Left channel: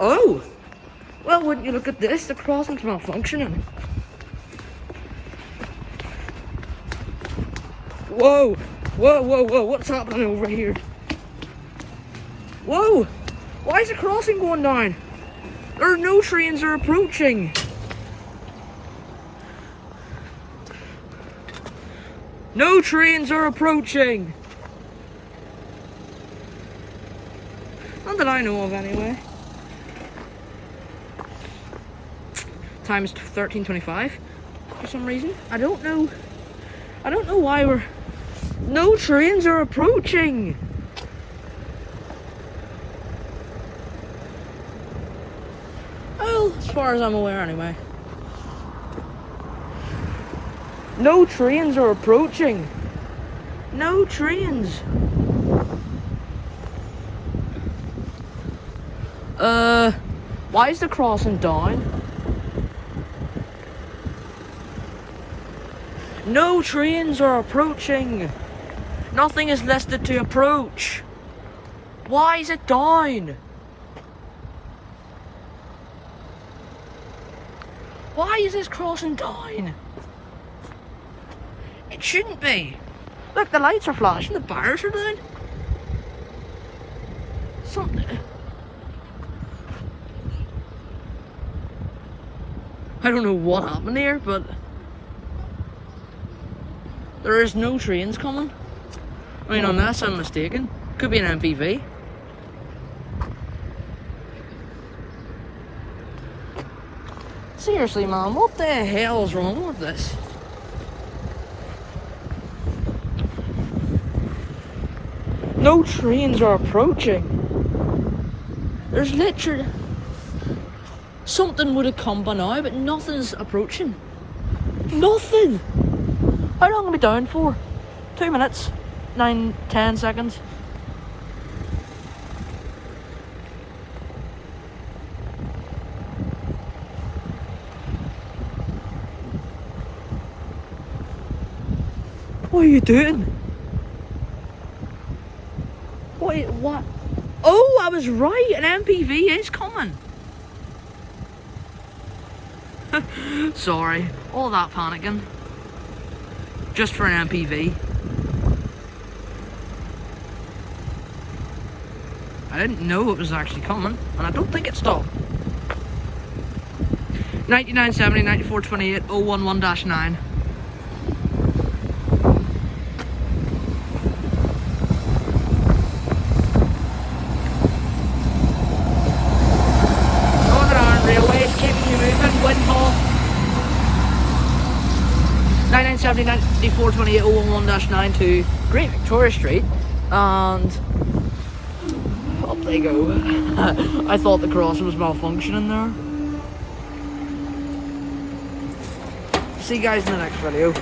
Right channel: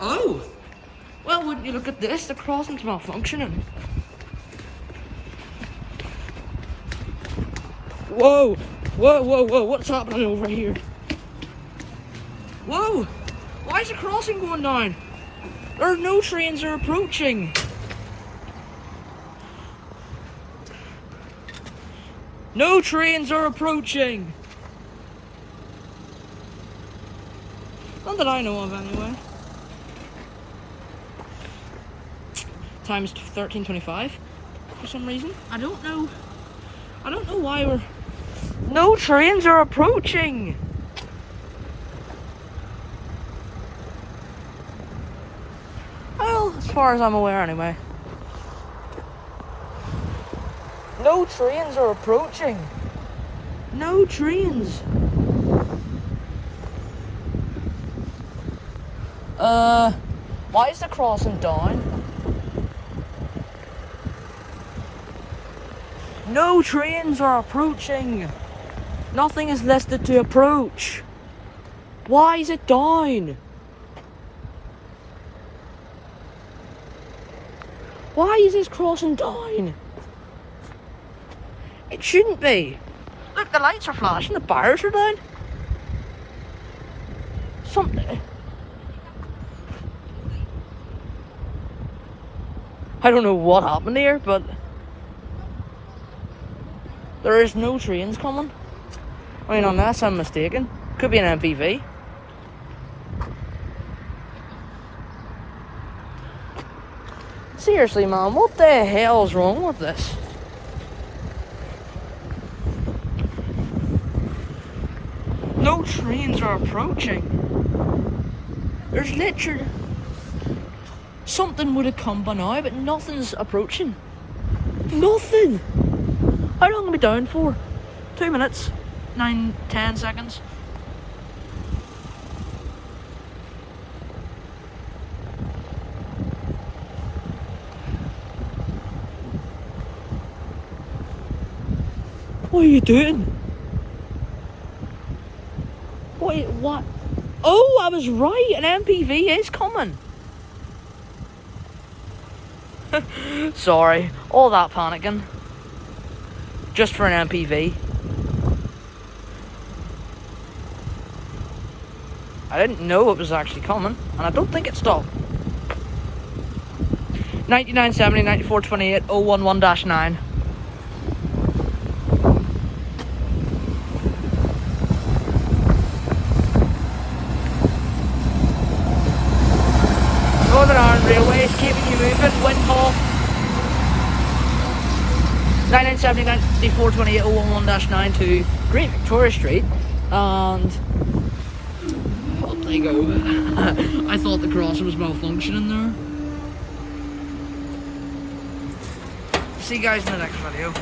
Oh! Well, wouldn't you look at this? The crossing's malfunctioning. Whoa! Whoa, whoa, whoa, what's happening over here? Whoa! Why is the crossing going down? There are no trains are approaching. No trains are approaching. Not that I know of, anyway. Time's 13:25 for some reason. I don't know why we're. No trains are approaching. Well, as far as I'm aware, anyway. No trains are approaching. No trains. Why is the crossing down? No trains are approaching. Nothing is listed to approach. Why is it down? Why is this crossing down? It shouldn't be. Look, the lights are flashing, the bars are down. I don't know what happened here, but there is no trains coming. I mean, unless I'm mistaken. Could be an MPV. Seriously, man, what the hell is wrong with this? No trains are approaching. There's literally... Something would have come by now, but nothing's approaching. Nothing! How long are we down for? 2 minutes, 9-10 seconds. What are you doing? Wait, what? Oh, I was right, an MPV is coming. Sorry, all that panicking. Just for an MPV. I didn't know it was actually coming, and I don't think it stopped. 9970 9428 011-9. Northern Ireland Railways keeping you moving, Windhall. 9970 9428 011-9 to Great Victoria Street, and up they go. I thought the crossing was malfunctioning there. See you guys in the next video.